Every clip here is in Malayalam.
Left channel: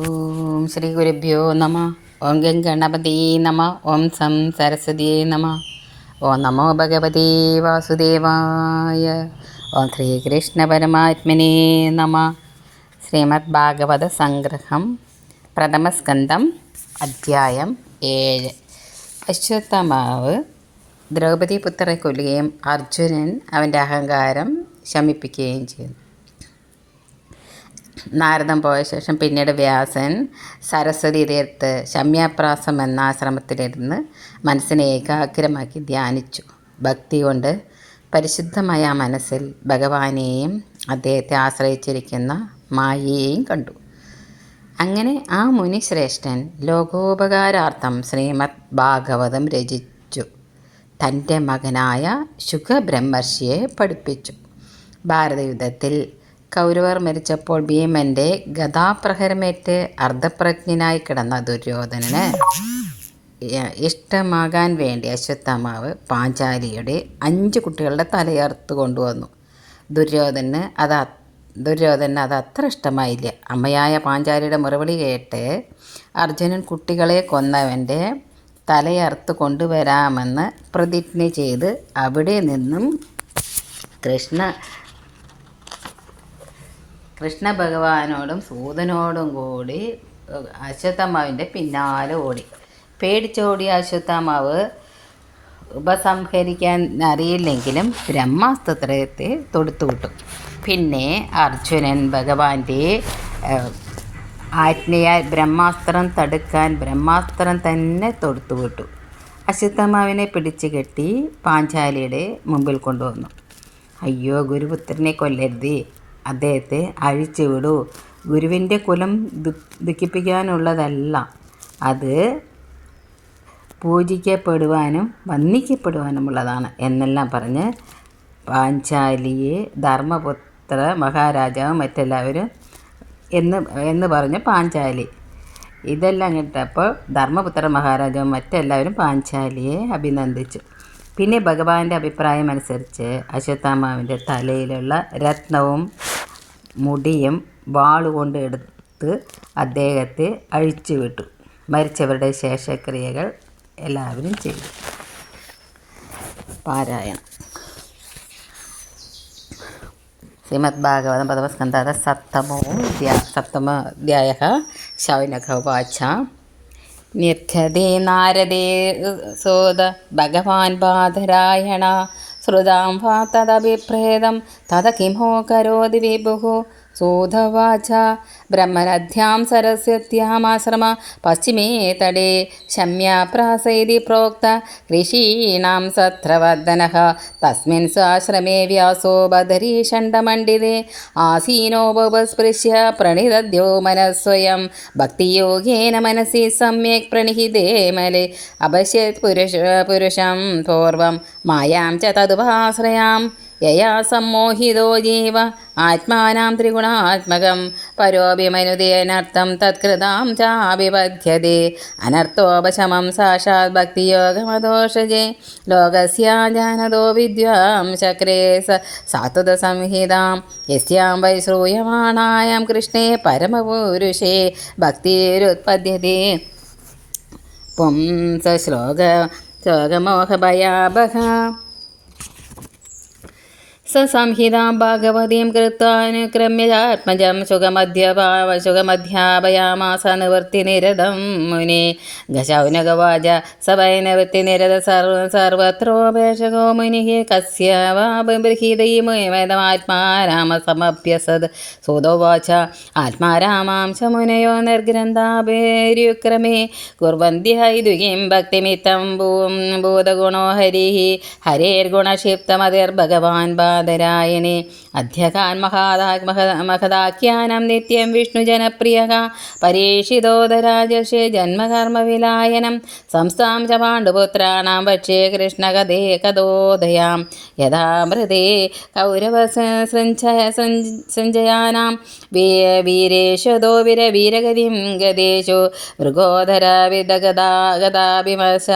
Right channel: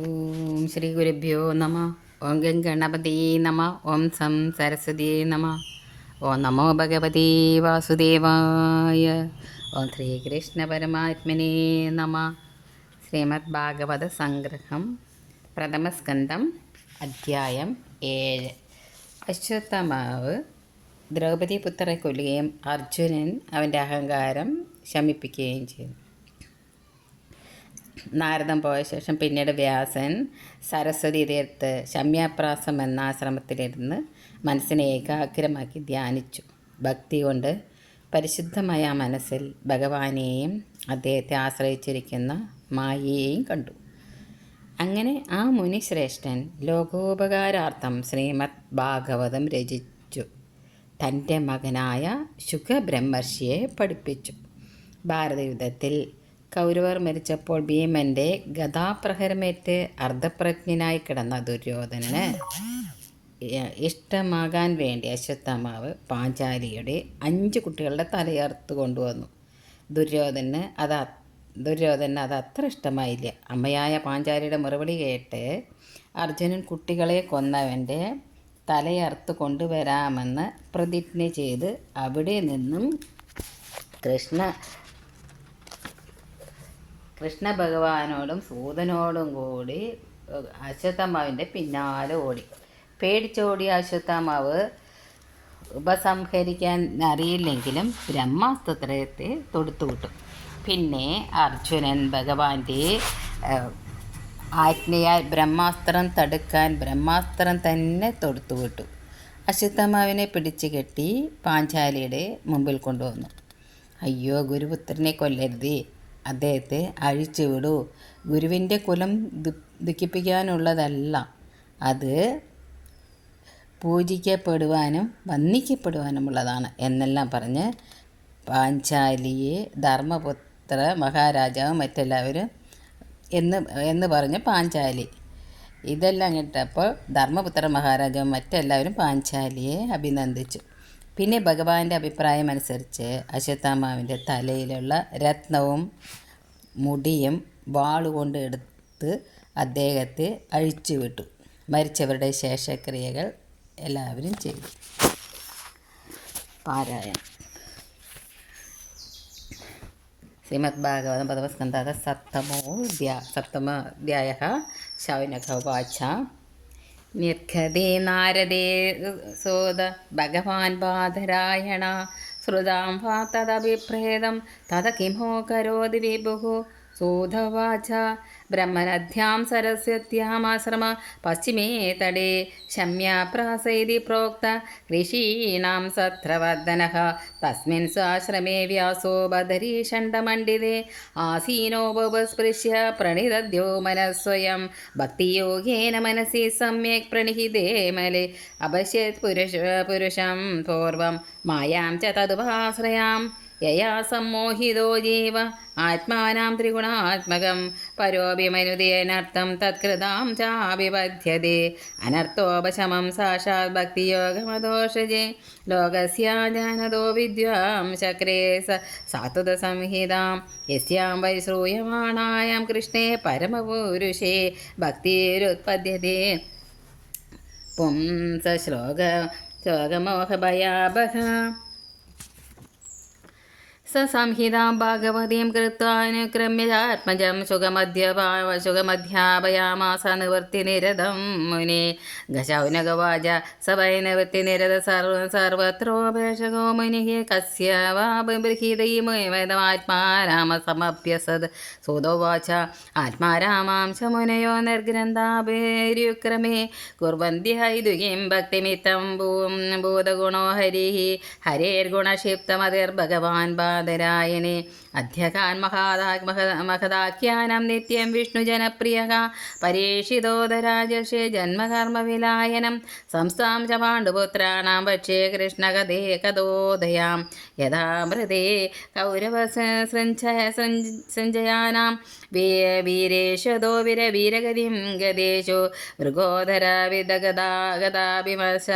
ഓം ശ്രീ ഗുരുഭ്യോ നമ. ഓം ഗം ഗണപതി നമ. ഓം സം സരസ്വതി നമ. ഓം നമോ ഭഗവതി വാസുദേവായ. ഓം ശ്രീകൃഷ്ണ പരമാത്മനെ നമ. ശ്രീമദ് ഭാഗവത സംഗ്രഹം പ്രഥമസ്കന്ധം അധ്യായം ഏഴ്. അശ്വത്ഥമാവ് ദ്രൗപദി പുത്രനെ കൊല്ലുകയും അർജുനൻ അവന്റെ അഹങ്കാരം ശമിപ്പിക്കുകയും ചെയ്യുന്നു. നാരദം പോയ ശേഷം പിന്നീട് വ്യാസൻ സരസ്വതി തീർത്ത് ശമ്യാപ്രാസം എന്ന ആശ്രമത്തിലിരുന്ന് മനസ്സിനെ ഏകാഗ്രമാക്കി ധ്യാനിച്ചു. ഭക്തി കൊണ്ട് പരിശുദ്ധമായ മനസ്സിൽ ഭഗവാനെയും അദ്ദേഹത്തെ ആശ്രയിച്ചിരിക്കുന്ന മായയെയും കണ്ടു. അങ്ങനെ ആ മുനിശ്രേഷ്ഠൻ ലോകോപകാരാർത്ഥം ശ്രീമദ് ഭാഗവതം രചിച്ചു. തന്റെ മകനായ ശുഖബ്രഹ്മർഷിയെ പഠിപ്പിച്ചു. ഭാരതയുദ്ധത്തിൽ കൗരവർ മരിച്ചപ്പോൾ ഭീമന്റെ ഗതാപ്രഹരമേറ്റ് അർദ്ധപ്രജ്ഞനായി കിടന്ന ദുര്യോധനന് ഇഷ്ടമാകാൻ വേണ്ടി അശ്വത്ഥമാവ് പാഞ്ചാലിയുടെ അഞ്ച് കുട്ടികളുടെ തലയർത്ത് കൊണ്ടുവന്നു. ദുര്യോധന് അത് ദുര്യോധന അത് അത്ര ഇഷ്ടമായില്ല. അമ്മയായ പാഞ്ചാലിയുടെ മറുപടി കേട്ട് അർജുനൻ കുട്ടികളെ കൊന്നവന്റെ തലയർത്ത് കൊണ്ടുവരാമെന്ന് പ്രതിജ്ഞ ചെയ്ത് അവിടെ നിന്നും കൃഷ്ണ കൃഷ്ണ ഭഗവാനോടും സൂതനോടും കൂടി അശ്വത്ഥമാവിന്റെ പിന്നാലെ ഓടി. പേടിച്ചോടിയ അശ്വത്ഥമാവ് ഉപസംഹരിക്കാൻ അറിയില്ലെങ്കിലും ബ്രഹ്മാസ്ത്രത്തെ തൊടുത്തുവിട്ടു പിന്നെ അർജുനൻ ഭഗവാന്റെ ആജ്ഞയാൽ ബ്രഹ്മാസ്ത്രം തടുക്കാൻ ബ്രഹ്മാസ്ത്രം തന്നെ തൊടുത്തുവിട്ടു അശ്വത്ഥമാവിനെ പിടിച്ചു കെട്ടി പാഞ്ചാലിയുടെ മുമ്പിൽ കൊണ്ടുവന്നു. അയ്യോ ഗുരുപുത്രനെ കൊല്ലരുതേ അദ്ദേഹത്തെ അഴിച്ചുവിടൂ. ഗുരുവിന്റെ കുലം ദുഃഖിപ്പിക്കാനുള്ളതല്ല. അത് പൂജിക്കപ്പെടുവാനും വന്ദിക്കപ്പെടുവാനുമുള്ളതാണ് എന്നെല്ലാം പറഞ്ഞ് പാഞ്ചാലിയെ ധർമ്മപുത്ര മഹാരാജാവും മറ്റെല്ലാവരും എന്ന് എന്ന് പറഞ്ഞ് പാഞ്ചാലി. ഇതെല്ലാം കേട്ടപ്പോൾ ധർമ്മപുത്ര മഹാരാജാവും മറ്റെല്ലാവരും പാഞ്ചാലിയെ അഭിനന്ദിച്ചു. പിന്നെ ഭഗവാന്റെ അഭിപ്രായം അനുസരിച്ച് അശ്വത്ഥാമാവിന്റെ തലയിലുള്ള രത്നവും മുടിയും വാളുകൊണ്ട് എടുത്ത് അദ്ദേഹത്തെ അഴിച്ചുവിട്ടു. മരിച്ചവരുടെ ശേഷക്രിയകൾ എല്ലാവരും ചെയ്തു. പാരായണം. ശ്രീമദ് ഭാഗവതം പദമസ്കന്ധ സപ്തമോ സപ്തമോധ്യായ ശൗനക വാച നിർഘതേ നാരദേ സോദ ഭഗവാൻ ബാധരായണ ശ്രുതാം വാ തദഭിപ്രേതം തത കിമോ കരോതി വിഭുः सूधवाच ब्रह्मनद्यां सरस्वत्यामाश्रम पश्चिमे तडे शम्याप्रास इति प्रोक्त ऋषीणां सत्रवर्धनः तस्मिन् स्वाश्रमे व्यासो बदरीषण्डमण्डिते आसीनो बवस्पृश्य प्रणिदद्यो मनस्वयं भक्तियोगेन मनसि सम्यक् प्रणिहिते मले अपश्यत् पुरुष पुरुषं पूर्वं मायां च तदुपाश्रयाम् യയാ സമ്മോഹിതോ ജീവ ആത്മാനാം ത്രിഗുണാത്മകം. പരോഭിമനുദേനർത്ഥം തത്കൃതാം ചാഭിപദ്ധ്യതേ. അനർത്ഥോപശമം സാക്ഷാത് ഭക്തിയോഗമദോഷജേ. ലോകസ്യാജാനതോ വിദ്വാം ചക്രേ സാത്വത സംഹിതാം. യസ്യാം വൈ ശ്രൂയമാണായം കൃഷ്ണേ പരമപുരുഷേ. ഭക്തിരുത്പദ്യത്തെ പുംസ ശ്ലോക ശ്ലോകമോഹഭയാഭഹ സംഹിതാം ഭാഗവതീം കൃത്വാനുക്രമ്യാത്മജം സുഖമധ്യപാവ സുഖമധ്യാപയാമാസ മുനി നിരതം മുനെ. ഗശൗനകവാച സവൈനവൃത്തി നിരത സർവ സർവത്രോപേക്ഷകോ മുനിഃ കസ്യ വാ ബൃഹീതയുമേതമാത്മാരാമസമഭ്യസത് സുതോവാച ആത്മാരാമാംശ മുനയോ നിർഗ്രന്ഥാപേര്യുക്രമേ കുർവന്തി ഹൈതുകീം ഭക്തിമിത്തം ഭൂം ഭൂതഗുണോ ഹരിഃ ഹരേർഗുണക്ഷിപ്തമതിർഭഗവാൻ ബാധ പാദരായണേ അധ്യകാൻ മഹാദാ മഹദാഖ്യാനം നിത്യം വിഷ്ണു ജനപ്രിയ പരീക്ഷിതോദരാജഷേ ജന്മകർമ്മവിലായനം. സംസ്ഥാം ച പാണ്ഡുപുത്രാണാം പക്ഷേ കൃഷ്ണകഥേ കഥോദയാം. യഥാമൃതേ കൗരവ സഞ്ജയാനാം വീരേഷതോ വിര വീരഗതിം ഗതേശു. മൃഗോധര വിദഗതാഗതാഭിമർശ ഗതാഭിമർശ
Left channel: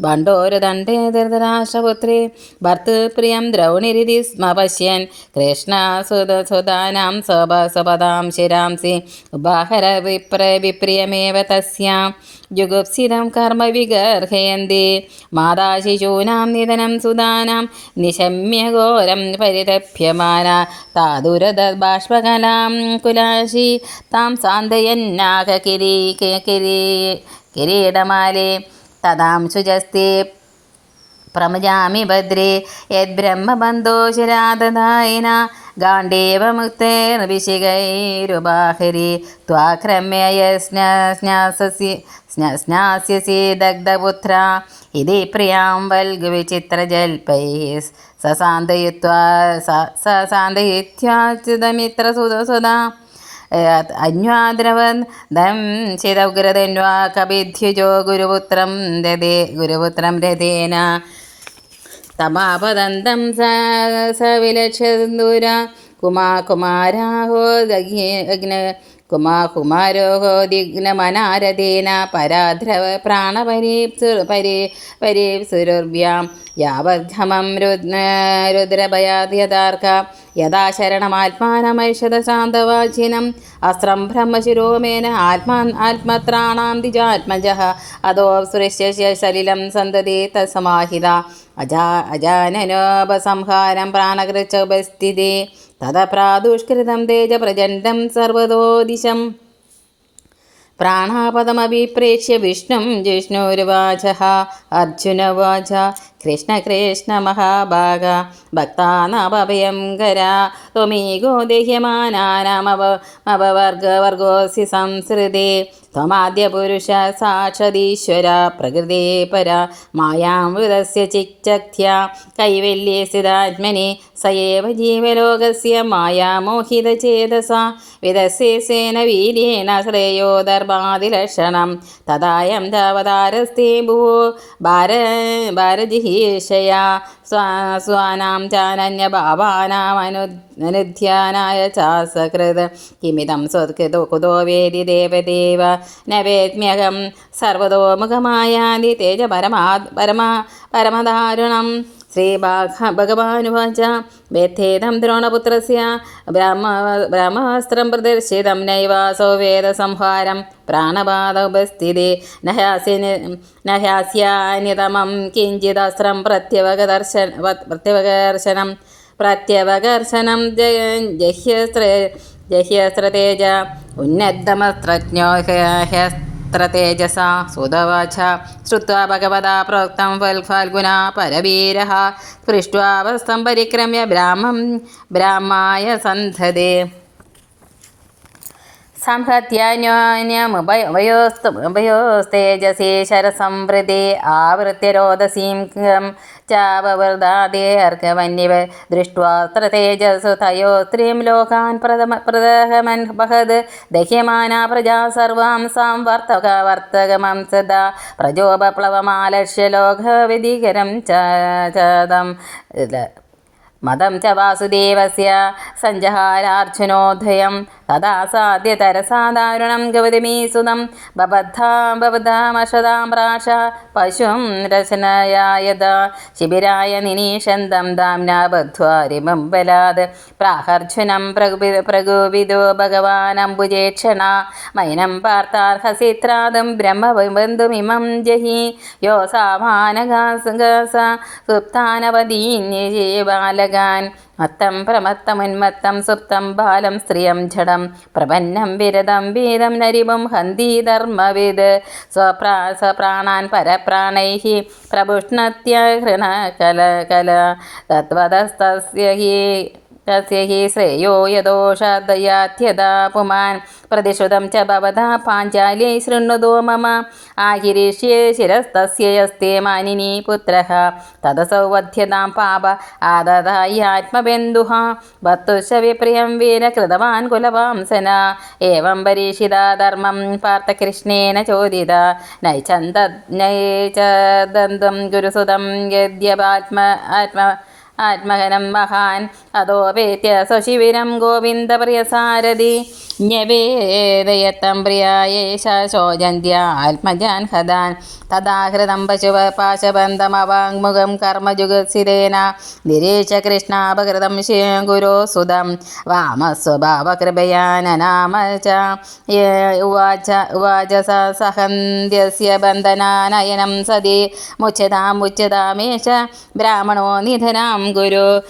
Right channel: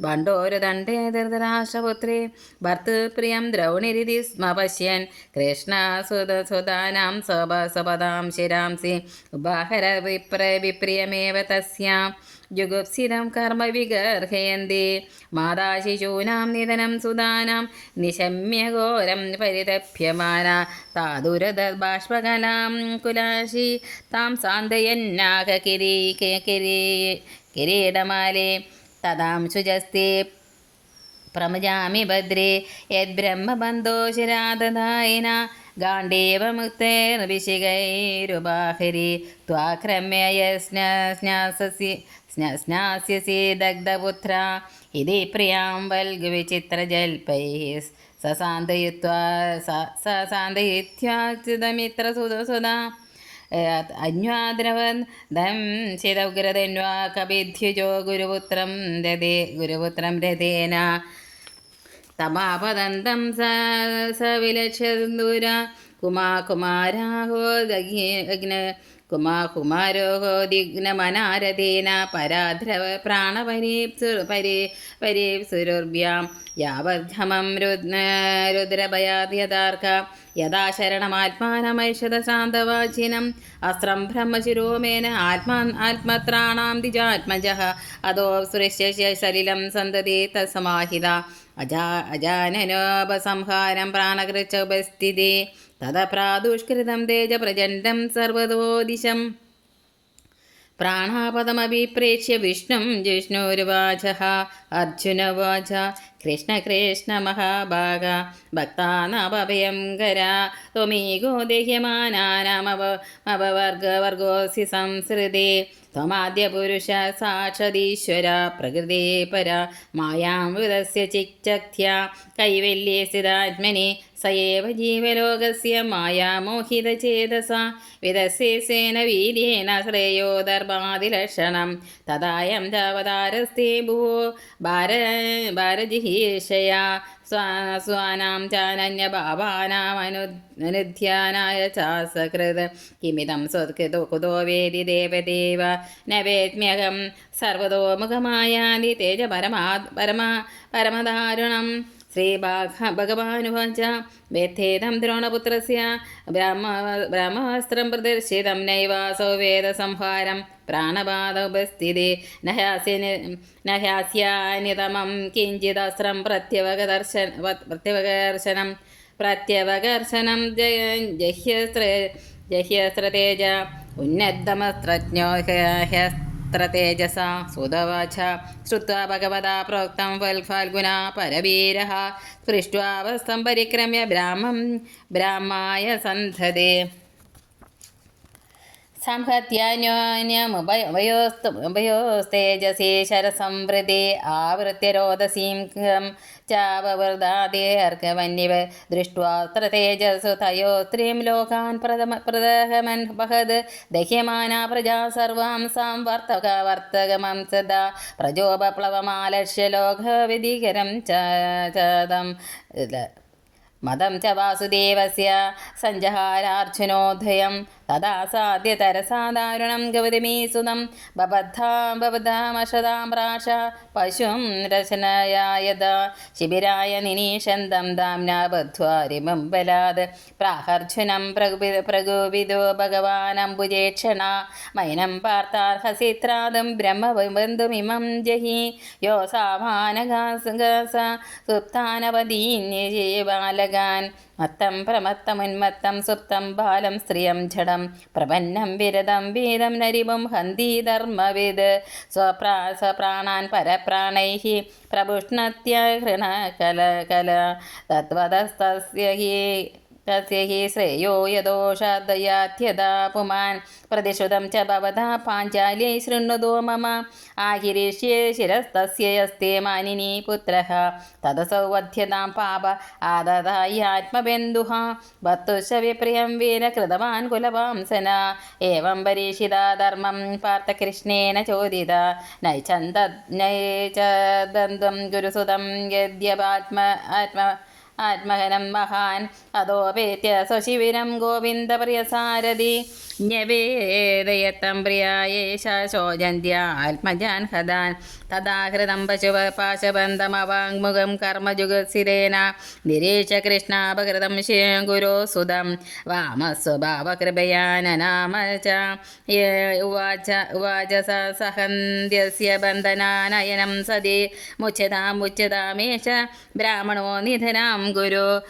ഭണ്ഡോരദണ്ഡേ ധൃതരാഷ്ട്രപുത്രേ. ഭർത്തൃപ്രിയം ദ്രൗണിരിതി സ്മ പശ്യൻ കൃഷ്ണ കൃഷ്ണസുതസുതാനാം സ്വപ സ്വപദാം ശിരാംസി ഉപാഹര വിപ്ര വിപ്രിയമേവ തസ്യാം. ജുഗുപ്സിതം കർമ്മ വിഗർഹയന്തി. മാതാശിശൂനാം നിധനം സുതാനാം നിശമ്യ ഘോരം പരിതപ്യമാന. താതുരത ബാഷ്പകലാം കുലാശി. താം സാന്തയന്നാക കിരീ കിരീ കിരീടമാലേ. തദാം ശുചസ്തി പ്രമജാമി ഭദ്രേ യദ്ബ്രഹ്മബന്ധോ ശിരാദദായിന ഗാണ്ഡേവമുക്തേർവിശികൈരുബാഹരി ത്വാക്രമ്യ സ്നാസസി സ്നാസ്യസി ദഗ്ധപുത്ര ഇതി പ്രിയാം വൽഗുവിചിത്രജൽപൈ സസാന്തയിത്വാ സസാന്തയിത്യാച്യുതമിത്രസുതസുതാ അന്വാദ്രവൻ ദം ശിതഗ്രതന്വാ കവിധ്യുജോ ഗുരുപുത്രം രഥേ ഗുരുപുത്രം രഥേന തമാപദന്തം സവിലക്ഷന്ദൂര കുമാ കുമാരാഹോ അഗ്ന കുമാ കുമാരോഹോ പരാധ്രവ പ്രാണപരീപ്സു പരി പരീപ്സുരുർഭ്യാം യാവദ്ധമം രുദ്ര രുദ്രഭയാദ്യതാർക്ക യഥാ ശരണമാത്മാനമൈഷത ശാന്തവാചിനം അസ്ത്രം ബ്രഹ്മശിരോമേന ആത്മാ ആത്മത്രാണാം ദിജാത്മജ അതോ സുരശ്യ സലിലം സന്തതി തസമാഹിത അജാ അജാനനോപസംഹാരം പ്രാണകൃച്ചോപസ്ഥിതി തത പ്രാദുഷ്കൃതം തേജ പ്രചണ്ഡം സർവതോദിശം പ്രാണാപദമഭിപ്രേക്ഷ്യ വിഷ്ണും ജിഷ്ണുരുവാച അർജുനവാച കൃഷ്ണ കൃഷ്ണ മഹാഭാഗ ഭക്താനാഭയം കര ത്വമീകോ ദേഹ്യമാനാമപവർഗവർഗോസി സംസൃതി ത്വമാദ്യപുരുഷ സാക്ഷതീശ്വര പ്രകൃതി പര മായാം വൃതസ്യ ചിച്ചക്ഷ്യ കൈവല്യേ സ്ഥിതാത്മനി സയേവ ജീവലോകസ്യ മായാമോഹിതചേതസ വിദസ്യേന വീര്യേണ ശ്രേയോ ദർഭാതിലക്ഷണം തദായം താവതാരസ്തേ ഭുവോ ഭാര ഭാരജിഹീഷയാ സ്വാ സ്വാനാം ചാനന്യഭാവാനാമനുധ്യാനായ ചാസകൃത്. കിമിതം സ്വത്കൃതോ കുതോ വേദി ദേവദേവ. ന വേദ്മ്യഹം സർവതോമുഖമായാതി തേജ പരമാ പരമ പരമദാരുണം. ശ്രീഭാഗ ഭഗവാനുവാച വേദ്ധേദം ദ്രോണപുത്രസ്യ ബ്രഹ്മ ബ്രഹ്മാസ്ത്രം പ്രദർശിതം നൈവാസോ വേദസംഹാരം പ്രാണപാദോപസ്ഥിതി നഹാസ്യ നഹാസ്യാന്യതമം കിഞ്ചിദസ്ത്രം പ്രത്യവകദർശന പ്രത്യവകർശനം പ്രത്യവകർശനം ജയ ജഹ്യസ്ത്ര ജഹ്യസ്ത്രതേജ ഉന്നതമസ്ത്രജ്ഞോ तत्र तेजसा सुधवाच श्रुत्वा भगवता प्रोक्तं फल्फल्गुना परवीरः। स्पृष्ट्वा वस्तं परिक्रम्य ब्राह्मं ब्राह्माय सन्धदे। സംഹത്യാന്യോന്യമഭയോസ്തു ഭയോസ്തേജസി ശരസംവൃതി ആവൃത്യ രോദസീം ചാപവൃതാദേർക്കവന്യവ ദൃഷ്ട്വാത്ര തേജസു തയോ സ്ത്രീം ലോകാൻ പ്രഥമ പ്രദഹമൻ ബഹദ് ദഹ്യമാന പ്രജാ സർവാം സാം വർത്തക വർത്തകമം സദാ പ്രജോപപ്ലവമാലക്ഷ്യ ലോകവിധികരം ചാതം മതം ച വാസുദേവസ്യ സഞ്ജഹാരാർജുനോദയം തഥാ സാധ്യതരസാധാരുണം ഗൗതമീസുതം. ബബദ്ധാ പ്രാശ പശും രചനയായത. ശിബിരായ നിനീഷന്തം ദാംന ബദ്ധ്വാരിമം ബലാത് പ്രാഹർജുനം പ്രകുപി പ്രകോപിതോ ഭഗവാനംബുജേക്ഷണ മൈനം പാർത്ഥാർഹസിത്രാദം ബ്രഹ്മബന്ധുമിമം ജഹി. യോ സാമാനഗാസ സുപ്താനവദീന്യജീവാലക ഭഗാൻ മത്തം പ്രമത്തമുന്മത്തം സുപ്തം ബാലം സ്ത്രീയം ജഡം പ്രപന്നം വിരതം വീതം നരിവും ഹന്തി ധർമ്മവിത് സ്വപ്രാ സ്വപ്രാണാൻ പരപ്രാണൈ പ്രപുഷ്ണത്യ ഹൃണ കല കല. തത്വതസ്തസ്യ ഹി തസ്യ ഹി ശ്രേയോ യദോഷദയാത്യതാ പുമാൻ പ്രതിശ്രുതം ച ഭവതാ പാഞ്ചാല്യൈ ശൃണ്വതോ മമ. ആഹിരീഷ്ये ശിരസ്തസ്യ യസ്തേ മാനിനി പുത്രः. തദസൗ വധ്യതാം പാപ ആദതായാത്മബന്ധുഃ ഭർത്തുശ്ച വിപ്രിയം വീരകൃതവാൻ കുലവാംസന. ഏവം പരീക്ഷിതാ ധർമ്മം പാർത്ഥകൃഷ്ണേന ചോദിത. നൈചന്ത നൈചദന്തം ഗുരുസുതം യദ്യപാത്മ ആത്മ ആത്മഹനം മഹാൻ. അതോപേത്യ സ്വശിവിരം ഗോവിന്ദപ്രിയസാരഥി. ജ്ഞവേദയത്തം പ്രിയായേഷ ശോചന്ത്യ ആത്മജാൻ ഹതാൻ തഥാഹൃതം പശുവ പാശബന്ധമവാങ്മുഖം കർമ്മജുഗസിതേന നിരീക്ഷ കൃഷ്ണാപകൃതം ശിവം ഗുരോ സുതം. വാമസ്വഭാവകൃപയാനനാമ ച ഉവാച ഉവാച സ സഹന്ത്യസ്യ ബന്ധനാനയനം സതി. മുച്യതാമുച്യതാമേഷ ബ്രാഹ്മണോ നിധനാം ഗുരു.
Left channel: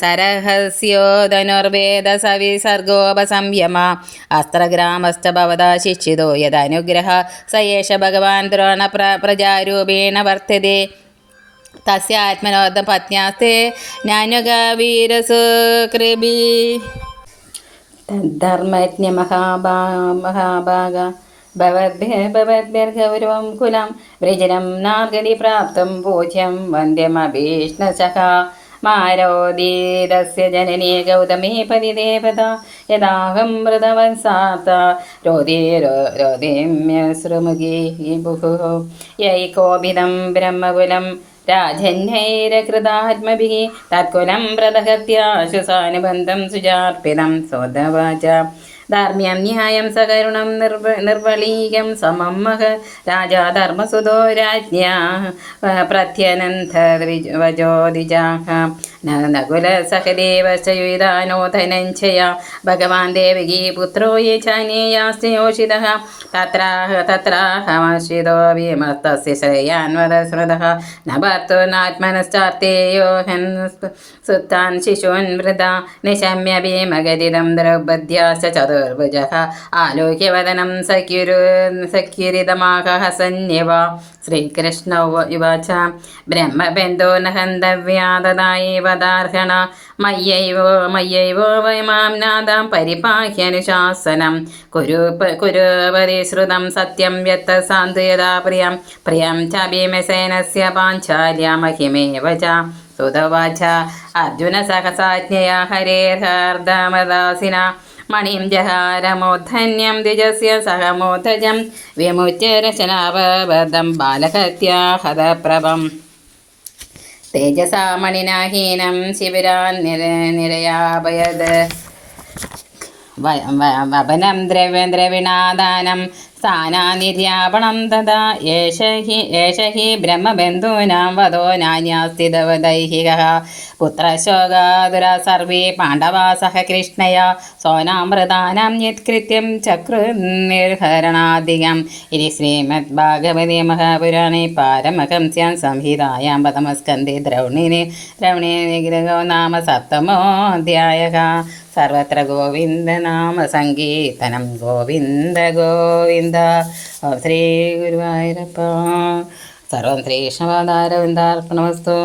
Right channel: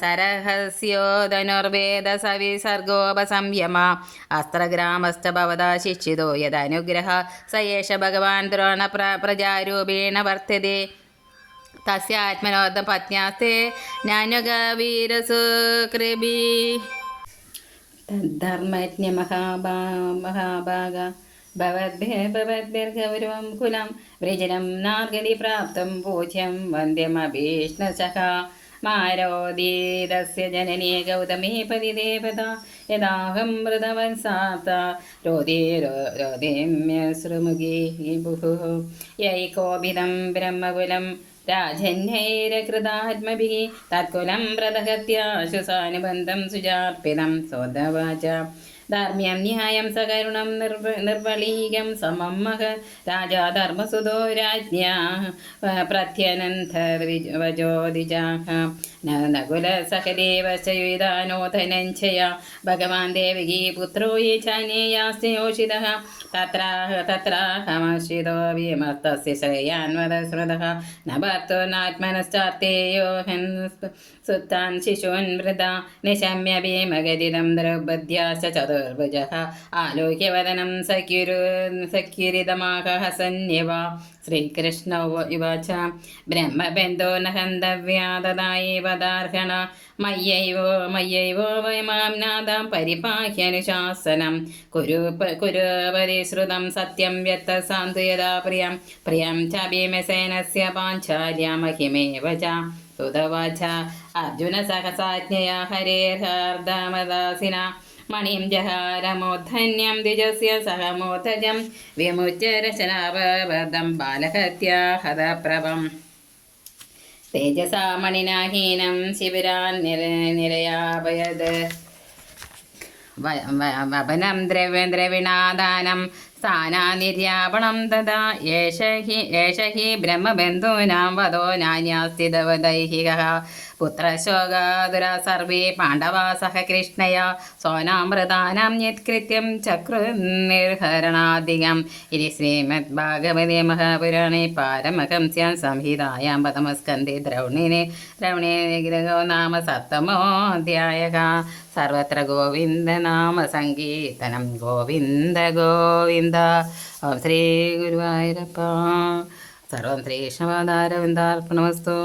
സരഹസ്യോധനുർവേദ സവിസർഗോപസംയമ. അസ്ത്രഗ്രാമസ്ഥ ഭവതാ ശിക്ഷിതോ യദനുഗ്രഹ സ ഏഷ ഭഗവാൻ ദ്രോണ പ്ര പ്രജാരൂപേണ വർത്തते തസ്യാത്മനോദ പത്ന്യാസ്തേ ജ്ഞാനഗാവീരസുകൃബി തദ്ധർമ്മജ്ഞ മഹാഭാ മഹാഭാഗ ഭവദ്ഭിർഭവദ്ഭിർഗൗരവം കുലം. വ്രജനം നാർഗതി പ്രാപ്തം പൂജ്യം വന്ദ്യമഭീഷ്ണശഖ മാരോദീതസ്യ ജനനീ ഗൗതമീ പരിദേവത യദാഹം മൃതവത്സാത്ത രോദേ രോദിമ്യശ്രുമുഖി ബുഭുः യൈകോപിതം ബ്രഹ്മകുലം രാജന്യൈരകൃതാത്മഭിः. തത്കുലം വ്രതഹത്യാശു സാനുബന്ധം സുജാർപ്പിതം സ്വതവാച. ധാർമ്മ്യം ന്യായം സകരുണം നിർവ നിർവളീകം സമം മഹ രാജാ ധർമ്മസുതോ രാജ്ഞ പ്രത്യനന്ദവജോദിജാഹ നകുല സഹദേവശയുധാനോ ധനഞ്ജയ ഭഗവാൻ ദേവകീ പുത്രോ യേ ചാനേയാസ്തയോഷിതഃ തത്രാഹ തത്രാഹമാശ്രിതോ വിമസ്തസ്യ ശ്രേയാൻവദ സ്മൃതഃ ന ഭർത്തുനാത്മനശ്ചാർത്തേയോ ഹൻ സുത്താൻ ശിശൂൻ വൃത. നിശമ്യ ഭീമഗതിദം ദ്രൗപദ്യാശ്ച ചതുർഭുജഃ ആലോക്യവദനം സഖ്യുരു സഖ്യുരിതമാക ഹസന്യവ ശ്രീകൃഷ്ണ ഉവാച ബ്രഹ്മബന്ധോ ന ഹന്തവ്യാതദായേവദാർഹണ മയ്യൈവോ മയ്യൈവോ വൈ മാം നാദാം പരിപാഹ്യനുശാസനം കുരു കുരുപതി ശ്രുതം സത്യം വ്യത്ത സാന്ത്വയതാ പ്രിയം. പ്രിയം ച ഭീമസേനസ്യ പാഞ്ചാര്യ മഹിമേവ ച. സുതവാച അർജുന സഹസാജ്ഞയാ ഹരേർഹർദമദാസിന മണിം ജഹാരമോദ്ധന്യം ദ്വിജസ്യ സഹമോദ്ധജം വിമുച്യ രചനാവബദ്ധം ബാലഹത്യാഹതപ്രഭം തേജസാ മണിനാഹീനം ശിബിരാൻ നിര നിരയാപയത് വപനം ദ്രവ്യദ്രവിണാദാനം സ്ഥാനാനിര്യാപണം തഥാ ഏഷ ഹി ഏഷ ഹി ബ്രഹ്മബന്ധൂനാം വധോ നാന്യാസ്തിദൈഹിക പുത്രശോകാതുര സർവേ പാണ്ഡവാ സഹ കൃഷ്ണയ സോനാമൃതാനാം യത്കൃത്യം ചക്രുനിർഹരണാധികം ശ്രീമദ് ശ്രീമദ്ഭാഗവതേ മഹാപുരാണേ പാരമഹംസ്യാം സംഹിതായാം പതമസ്കന്ധേ ദ്രൗണിനി ദ്രൗണേ നിഗ്രഹോ നാമ സപ്തമോധ്യായ സർവത്ര ഗോവിന്ദനാമ സങ്കീർത്തനം ഗോവിന്ദ ഗോവിന്ദ ഓം ശ്രീ ഗുരുവായൂരപ്പ സർവം ശ്രീകൃഷ്ണപാദാരവിന്ദാർപ്പണമസ്തു